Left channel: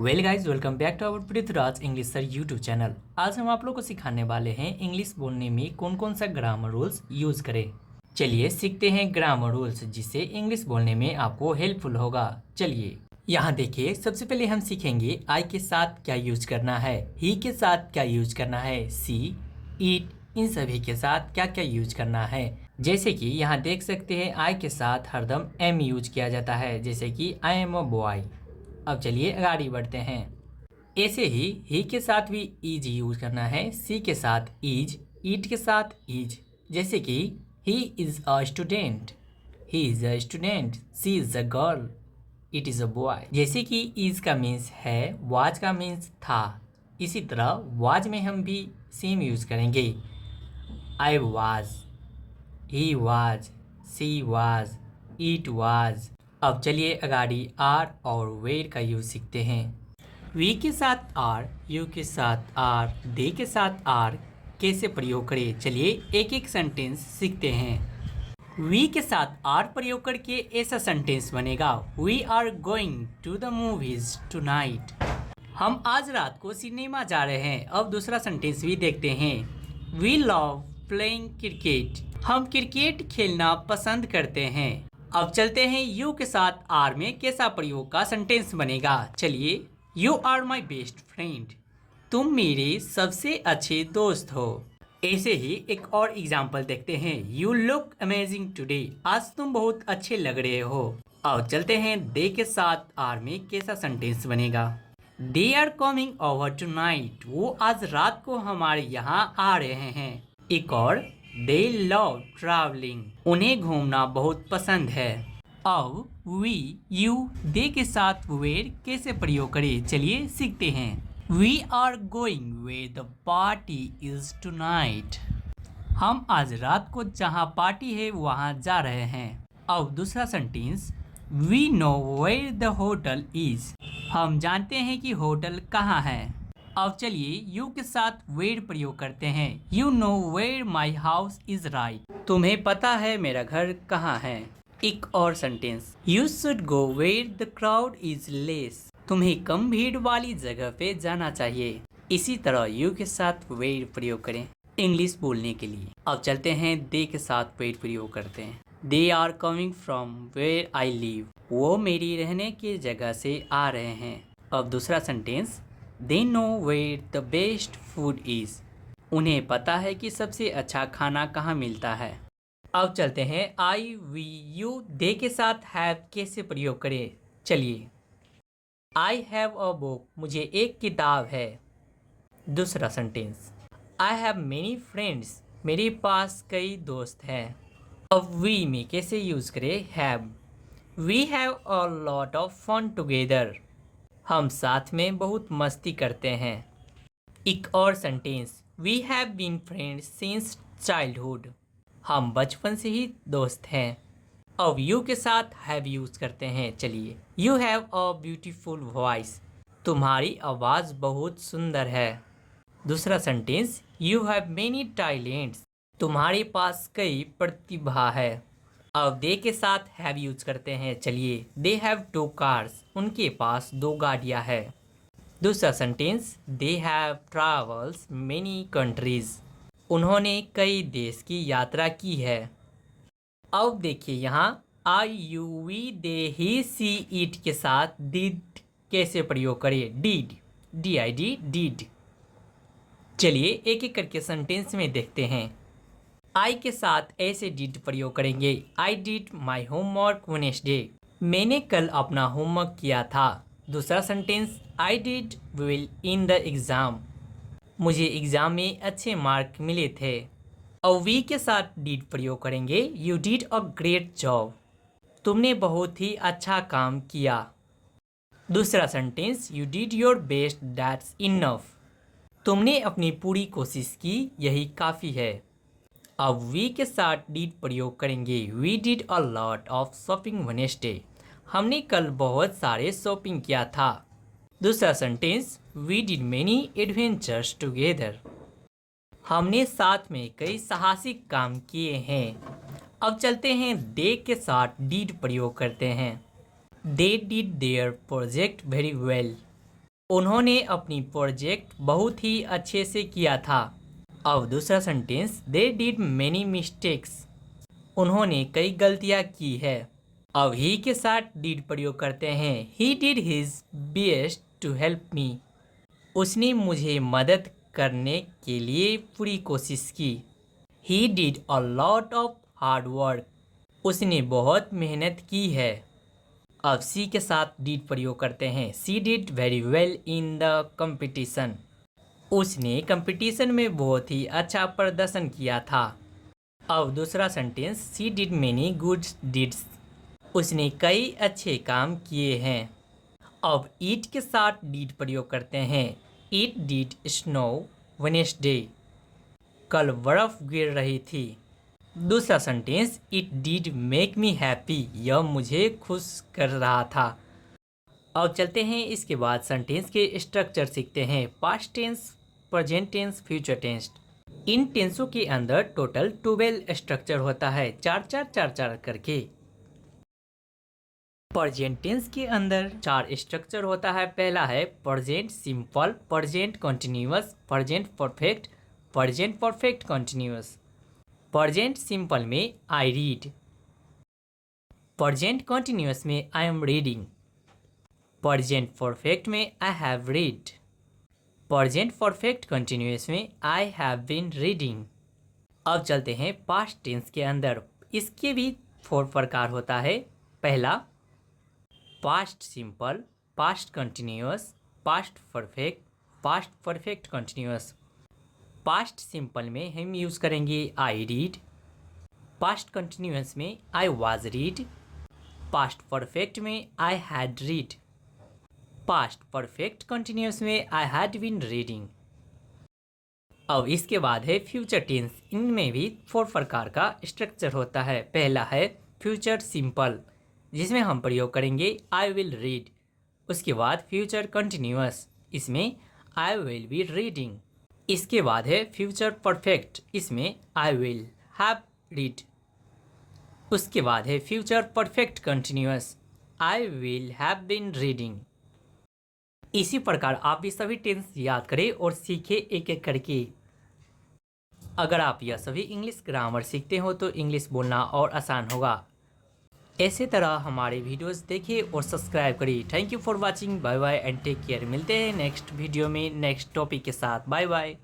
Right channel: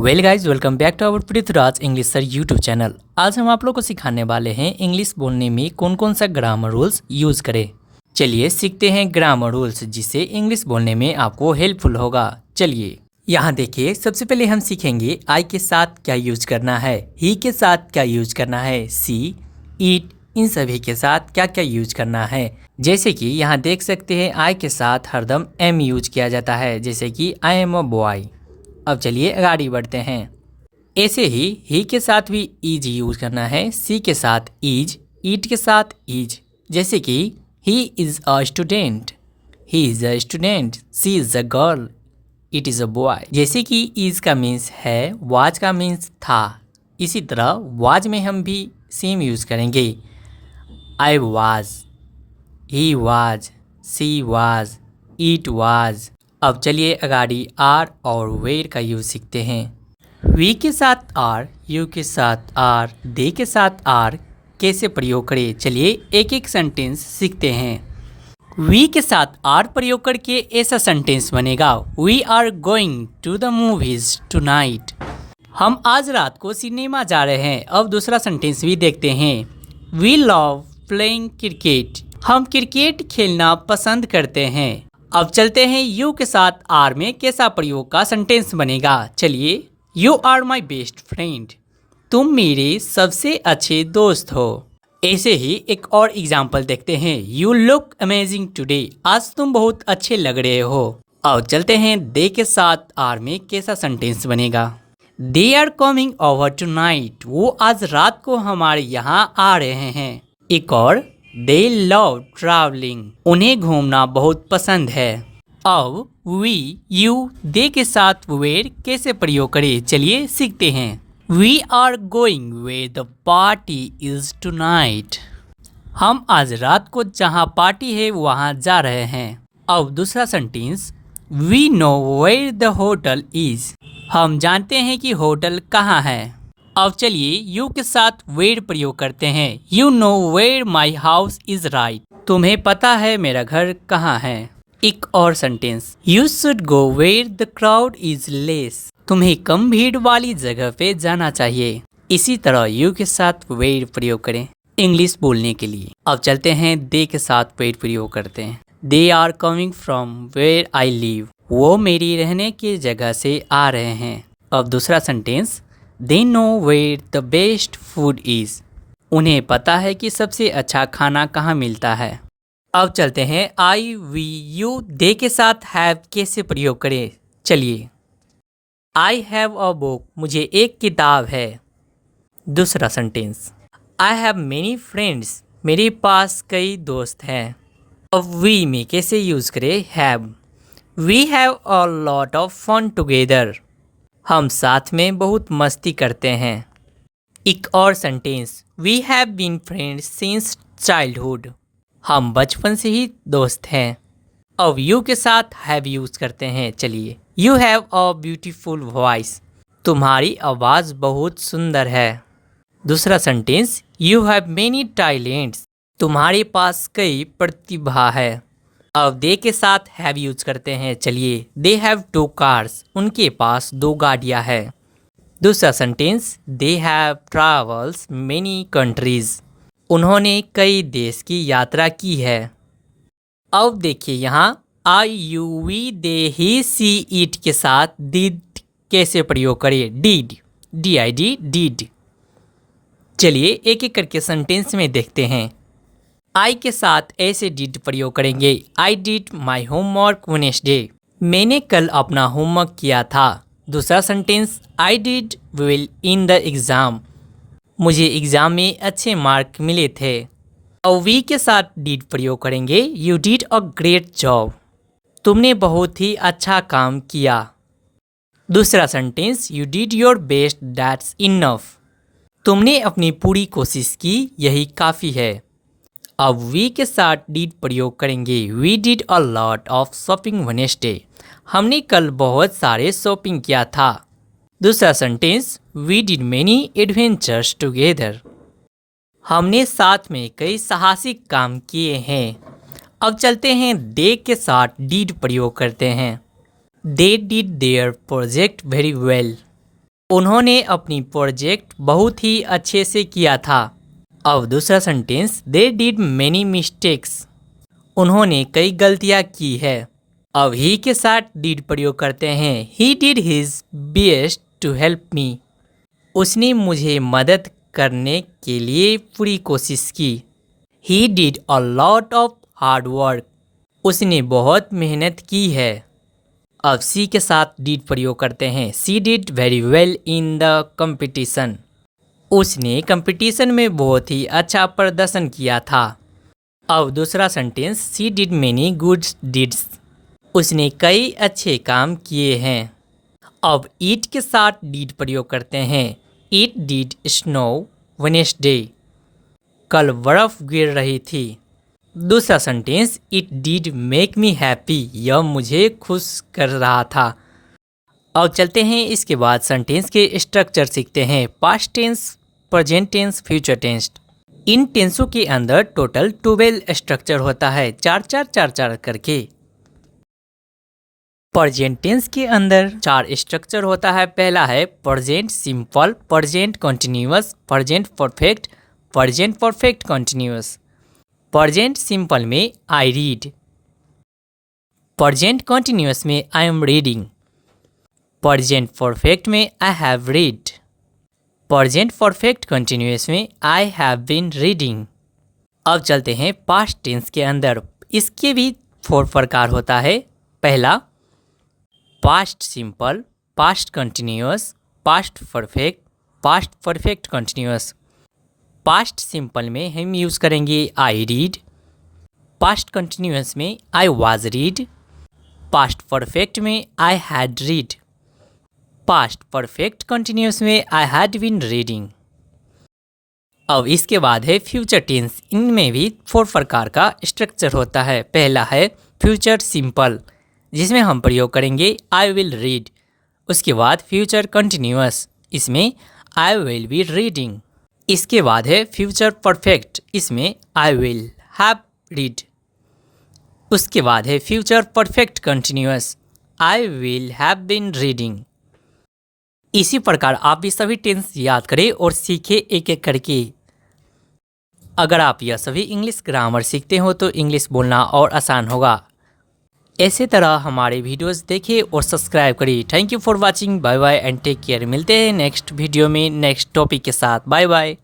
Well guys, welcome back to our Prithviraj English sir YouTube channel. आज हम आप लोग को सिखाने वाले हैं इंग्लिश बोलने में कौन कौन सा ग्रामर रूल्स यूज़ करें। चलिए सीखते हैं ग्रामर रूल्स, जिससे इंग्लिश बोलने में आपको हेल्पफुल होगा। चलिए यहाँ देखिए, सबसे पहले हम सीखेंगे आई के साथ क्या यूज करना है, ही के साथ क्या यूज करना है, सी, ईट, इन सभी के साथ क्या क्या यूज करना है। जैसे कि यहाँ देख सकते हैं आई के साथ हरदम एम यूज किया जाता है, जैसे कि आई एम अ बॉय। अब चलिए आगे बढ़ते हैं। ऐसे ही के साथ भी ईज यूज करना है, सी के साथ ईज, ईट के साथ ईज। जैसे कि he is a student, he is a student, she is a girl, it is a boy. जैसे कि इज का मीन्स है, वाज का मीन्स था, इसी तरह वाज में हम भी सेम यूज करेंगे। I was, he was, she was, it was. अब चलिए अगाड़ी आर और वेर का यूज सीखते हैं। वी के साथ आर, यू के साथ आर, दे के साथ आर कैसे प्रयोग करें, चलिए एक एक सेंटेंस सीखते हैं। वी के साथ आर प्रयोग करके ऐसा सेंटेंस बनेगा, we are going to the movies tonight. हम आज रात को सिनेमा जा रहे हैं। अब दूसरा सेंटेंस भी देखते हैं। वी लव प्लेइंग क्रिकेट, हम क्रिकेट खेलना पसंद करते हैं। अब चलते हैं यू के साथ आर में कैसा प्रयोग का सेंटेंस बनेगा, चलिए। You are my best friend, तुम मेरे सबसे अच्छे दोस्त हो। ऐसे ही एक और एग्जाम्पल देखते हैं। यू लुक अमेजिंग टुडे, आज तुम बहुत अच्छे लग रहे हो। अब चलते हैं दे के साथ आर में कैसा सेंटेंस बनेगा। They are coming over tonight, वो आज रात को हमारे यहाँ आ रहे हैं। एक और, दे लव ट्रैवलिंग, उन्हें घूमना बहुत पसंद है। अब वी, यू, दे के साथ वेयर कैसे प्रयोग करें, चलिए सीखते हैं। We are going where the party is tonight, हम आज रात को जहाँ पार्टी है वहाँ जा रहे हैं। अब दूसरा sentence, we know where the hotel is, हम जानते हैं कि होटल कहाँ है। अब चलिए यू के साथ वेयर प्रयोग करते हैं। You know where my house is right, तुम्हें पता है मेरा घर कहाँ है। एक और sentence, you should go where the crowd is less, तुम्हें कम भीड़ वाली जगह पे जाना चाहिए। इसी तरह यू के साथ वेयर प्रयोग करें इंग्लिश बोलने के लिए। अब चलते हैं दे के साथ वेयर प्रयोग करते हैं। They are coming from where I live, वो मेरी रहने की जगह से आ रहे हैं। अब दूसरा sentence, they know where the best food is, उन्हें पता है कि सबसे अच्छा खाना कहाँ मिलता है। अब चलते हैं आई, वी, यू, दे के साथ हैव कैसे प्रयोग करें, चलिए। आई हैव अ बुक, मुझे एक किताब है। दूसरा sentence, I have many friends, मेरे पास कई दोस्त हैं। अब वी में कैसे यूज़ करें have. We have a lot of fun together, हम साथ में बहुत मस्ती करते हैं। एक और sentence, we have been friends since childhood, हम बचपन से ही दोस्त हैं। अब यू के साथ हैव यूज करते हैं, चलिए। You have a beautiful voice, तुम्हारी आवाज़ बहुत सुंदर है। दूसरा sentence, you have many talents, तुम्हारे पास कई प्रतिभा है। अब दे के साथ हैव यूज करते हैं, चलिए। दे हैव टू कार्स, उनके पास दो गाड़ियां हैं। दूसरा sentence, they have travels many countries, उन्होंने कई देश की यात्रा की है। अब देखिए यहाँ I, you, we, they, he, she, it के साथ डिड कैसे प्रयोग करें, did, D I D, did. चलिए एक एक करके सेंटेंस में देखते हैं। आई के साथ ऐसे डिड प्रयोग करेंगे। I did my homework Wednesday, मैंने कल अपना होमवर्क किया था। दूसरा sentence, I did well in the exam, मुझे एग्ज़ाम में अच्छे मार्क मिले थे। और वी के साथ डिड प्रयोग करेंगे। You did a great job, तुमने बहुत ही अच्छा काम किया। दूसरा sentence, you did your best that's enough, तुमने अपनी पूरी कोशिश की, यही काफ़ी है। अब वी के साथ डिड प्रयोग करेंगे। We did a lot of shopping Wednesday, हमने कल बहुत सारे शॉपिंग किया था। दूसरा sentence, we did many adventures together, हमने साथ में कई साहसिक काम किए हैं। अब चलते हैं दे के साथ डिड प्रयोग करते हैं। They did there project very well, उन्होंने अपनी प्रोजेक्ट बहुत ही अच्छे से किया था। अब दूसरा sentence, they did many mistakes. उन्होंने कई गलतियां की है। अब ही के साथ डिड प्रयोग करते हैं। He did his best to help me. उसने मुझे मदद करने के लिए पूरी कोशिश की। He did a lot of hard work. उसने बहुत मेहनत की है। अब सी के साथ डिड प्रयोग करते हैं। She did very well in the competition. उसने कंपटीशन में बहुत ही अच्छा प्रदर्शन किया था। अब दूसरा sentence, she did many good deeds. उसने कई अच्छे काम किए हैं। अब इट के साथ डिड प्रयोग करते हैं। It did snow Wednesday. कल बर्फ गिर रही थी। दूसरा sentence, it did make me happy. यह मुझे खुश कर रहा था। अब चलते हैं इसके बाद सेंटेंस के स्ट्रक्चर सीखते हैं। Past tense, present tense, future tense. इन टेंसों के अंदर टोटल 12 स्ट्रक्चर होता है, 4-4-4-4 करके। प्रेजेंट टेंस के अंदर 4 स्ट्रक्चर होता है। पहला है present simple, present continuous, present perfect, present perfect continuous. Present simple में आई रीड। प्रेजेंट कंटिन्यूअस में I am reading. Present perfect में I have read. Present perfect continuous में आई हैव बीन रीडिंग। अब चलते हैं पास्ट टेंस के अंदर। इसके भी 4 प्रकार होता है। पहला past simple, past continuous, past perfect, past perfect continuous. Past simple में हम यूज़ करेंगे आई रीड। पास्ट कंटिन्यूअस में I was read. Past perfect में I had read. Past perfect continuous में आई हैड बीन रीडिंग। अब इसके बाद है फ्यूचर टेंस। इनमें भी 4 प्रकार का स्ट्रक्चर होता है। पहला है फ्यूचर सिंपल, जिसमें हम प्रयोग करेंगे आई विल रीड। उसके बाद फ्यूचर कंटिन्यूअस, इसमें आई विल बी रीडिंग। इसके बाद है फ्यूचर परफेक्ट, इसमें आई विल हैव रीड। उसके बाद है future perfect continuous, I will have been reading. इसी प्रकार आप भी सभी टेंस याद करें और सीखें एक एक करके। अगर आप यह सभी इंग्लिश ग्रामर सीखते हो तो इंग्लिश बोलना और आसान होगा। ऐसे तरह हमारे वीडियोस देखिए और सब्सक्राइब करिए। Thank you for watching. Bye bye and take care. मिलते हैं नेक्स्ट वीडियो में नेक्स्ट टॉपिक के साथ। Bye bye.